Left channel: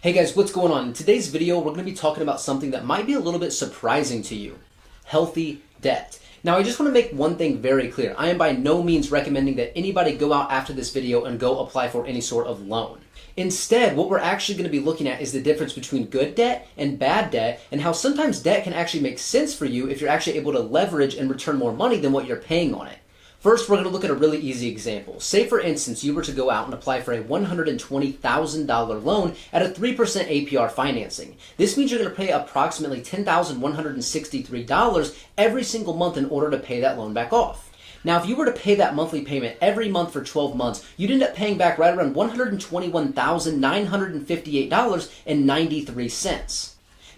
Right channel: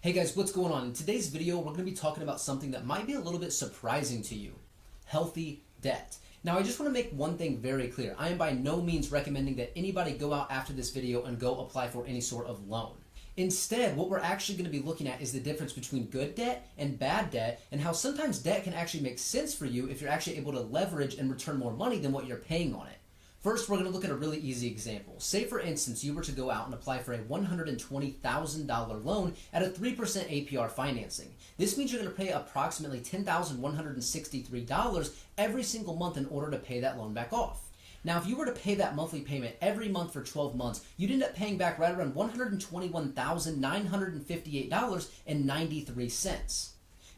Hey guys, what's going on? In today's video, we're going to be talking about something that might be a little bit surprising to you. Healthy debt. Now, I just want to make one thing very clear. I am by no means recommending that anybody go out after this video and go apply for any sort of loan. Instead, what we're actually going to be looking at is the difference between good debt and bad debt, and how sometimes debt can actually make sense for you if you're actually able to leverage and return more money than what you're paying on it. First, we're going to look at a really easy example. Say, for instance, you were to go out and apply for a $120,000 loan at a 3% APR financing. This means you're going to pay approximately $10,163 every single month in order to pay that loan back off. Now, if you were to pay that monthly payment every month for 12 months, you'd end up paying back right around $121,958.93.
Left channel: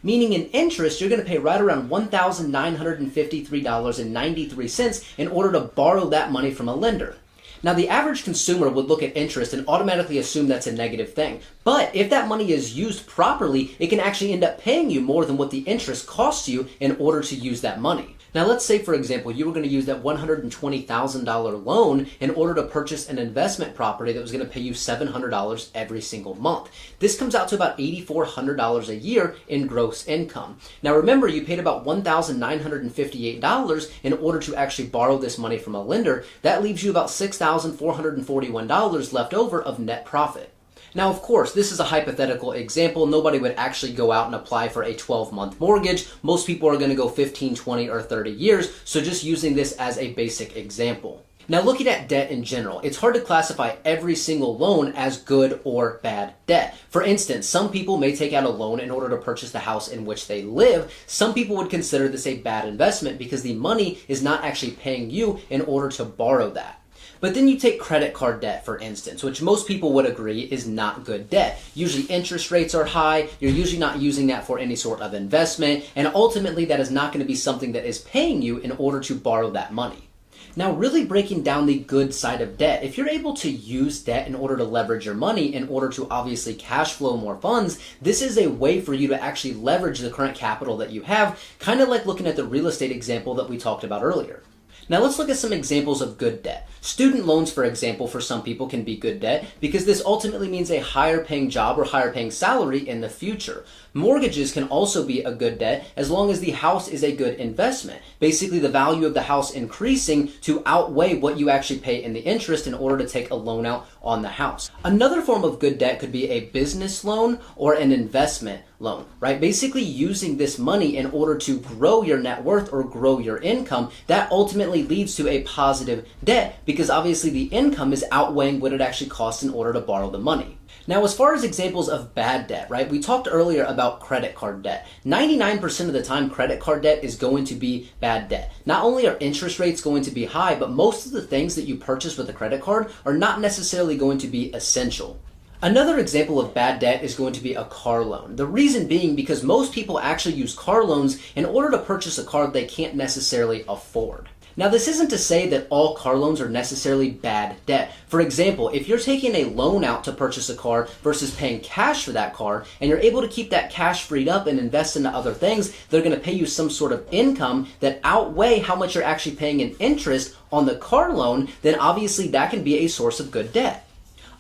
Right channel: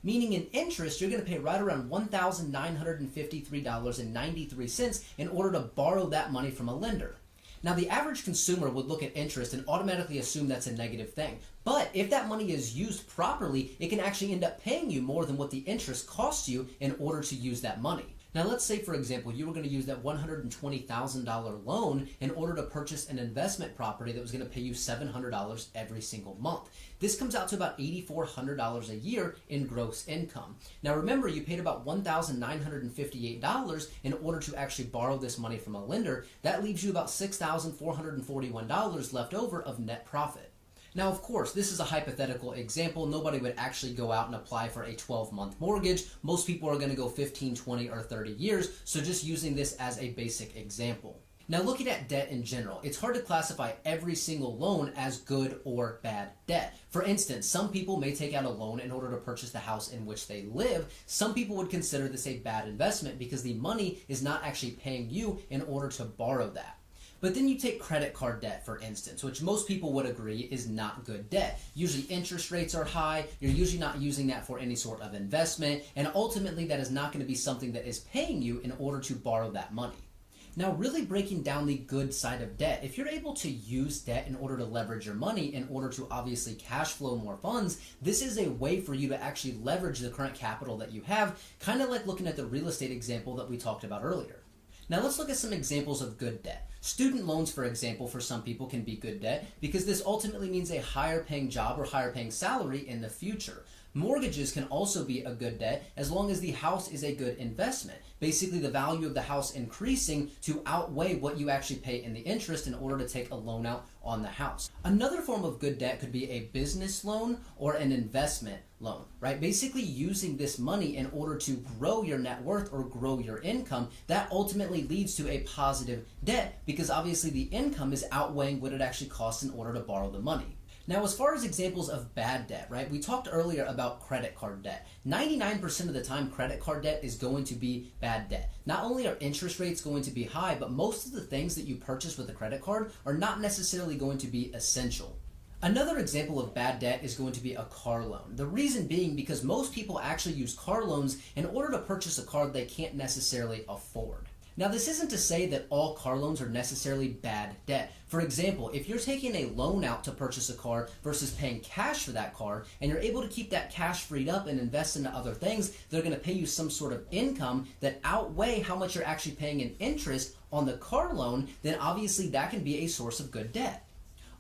Meaning in interest, you're going to pay right around $1,953.93 in order to borrow that money from a lender. Now, the average consumer would look at interest and automatically assume that's a negative thing. But if that money is used properly, it can actually end up paying you more than what the interest costs you in order to use that money. Now, let's say, for example, you were going to use that $120,000 loan in order to purchase an investment property that was going to pay you $700 every single month. This comes out to about $8,400 a year in gross income. Now, remember, you paid about $1,958 in order to actually borrow this money from a lender. That leaves you about $6,441 left over of net profit. Now, of course, this is a hypothetical example. Nobody would actually go out and apply for a 12-month mortgage. Most people are going to go 15, 20, or 30 years, so just using this as a basic example. Now, looking at debt in general, it's hard to classify every single loan as good or bad debt. For instance, some people may take out a loan in order to purchase the house in which they live. Some people would consider this a bad investment because the money is not actually paying you in order to borrow that. But then you take credit card debt, for instance, which most people would agree is not good debt. Usually interest rates are high, you're usually not using that for any sort of investment, and ultimately that is not going to be something that is paying you in order to borrow that money. Now, really breaking down the good side of debt, if you're able to use debt in order to leverage your money, in order to obviously cash flow more funds, this is a way for you to actually leverage the current capital that you have, kind of like looking at the real estate example that we talked about earlier. Now, let's look at some examples of good debt. Student loans, for example, for some people can be good debt because this ultimately means a higher paying job or higher paying salary in the future. Mortgages can also be a good debt as long as the house is a good investment. Basically, the value of the house increasing to outweigh what you actually pay in the interest in order to take a loan out on the house. Another form of good debt could be a business loan or an investment loan, right? Basically using this money in order to grow your net worth or grow your income. That ultimately leads to a positive debt because obviously the income is outweighing what it actually costs in order to borrow the money. Now, as far as examples of bad debt, right, we talked earlier about credit card debt. 99% of the time, credit card debt is going to be bad debt. Not only are interest rates going to be high, but most of the things that you purchase with a credit card are not necessarily going to be essential. Another example of bad debt is going to be a car loan. The reason being because most people actually use car loans in order to purchase a car they can't necessarily afford. Now, this isn't to say that all car loans are necessarily bad debt. For example, if you're taking a loan out to purchase a car versus paying cash for that car, and you're able to keep that cash freed up and invest into other things, they're going to pay you some sort of income that outweigh how much you're actually paying in interest on the car loan, then obviously that can be a source of good debt.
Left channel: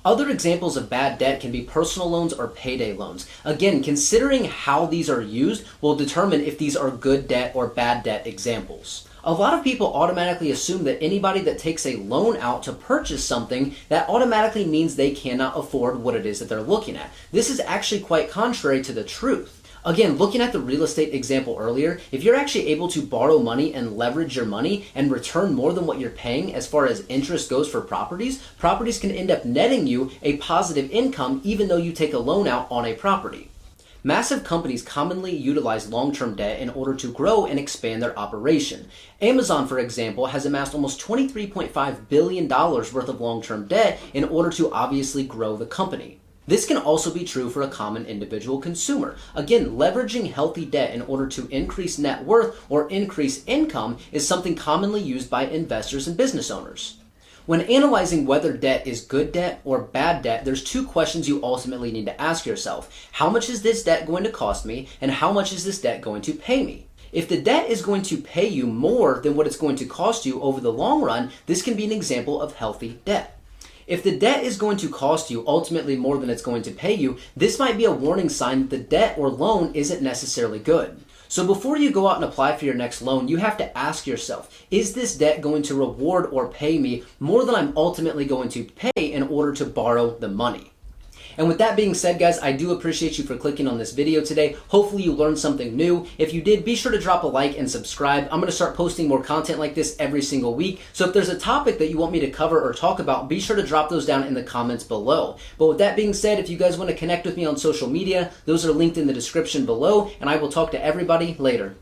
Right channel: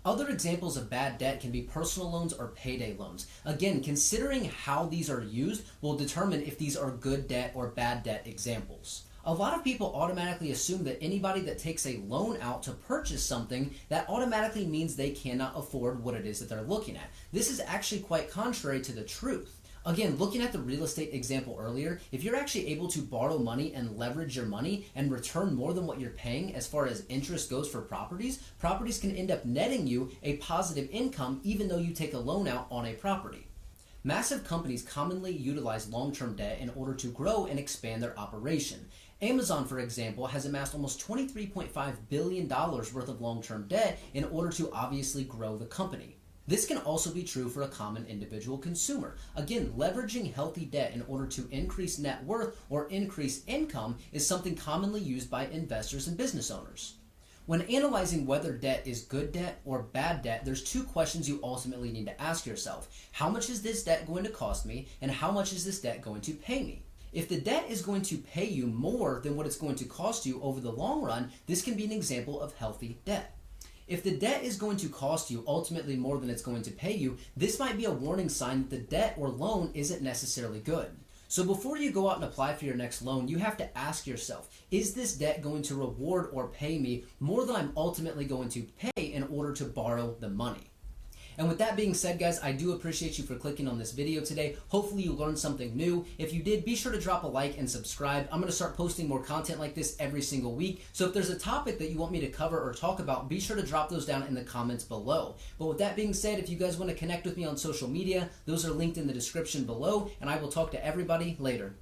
Other examples of bad debt can be personal loans or payday loans. Again, considering how these are used will determine if these are good debt or bad debt examples. A lot of people automatically assume that anybody that takes a loan out to purchase something, that automatically means they cannot afford what it is that they're looking at. This is actually quite contrary to the truth. Again, looking at the real estate example earlier, if you're actually able to borrow money and leverage your money and return more than what you're paying as far as interest goes for properties, properties can end up netting you a positive income even though you take a loan out on a property. Massive companies commonly utilize long-term debt in order to grow and expand their operation. Amazon, for example, has amassed almost $23.5 billion worth of long-term debt in order to obviously grow the company. This can also be true for a common individual consumer. Again, leveraging healthy debt in order to increase net worth or increase income is something commonly used by investors and business owners. When analyzing whether debt is good debt or bad debt, there's two questions you ultimately need to ask yourself. How much is this debt going to cost me, and how much is this debt going to pay me? If the debt is going to pay you more than what it's going to cost you over the long run, this can be an example of healthy debt. If the debt is going to cost you ultimately more than it's going to pay you, this might be a warning sign that the debt or loan isn't necessarily good. So before you go out and apply for your next loan, you have to ask yourself, is this debt going to reward or pay me more than I'm ultimately going to pay in order to borrow the money? And with that being said, guys, I do appreciate you for clicking on this video today. Hopefully you learned something new. If you did, be sure to drop a like and subscribe. I'm going to start posting more content like this every single week. So if there's a topic that you want me to cover or talk about, be sure to drop those down in the comments below. But with that being said, if you guys want to connect with me on social media, those are linked in the description below, and I will talk to everybody later.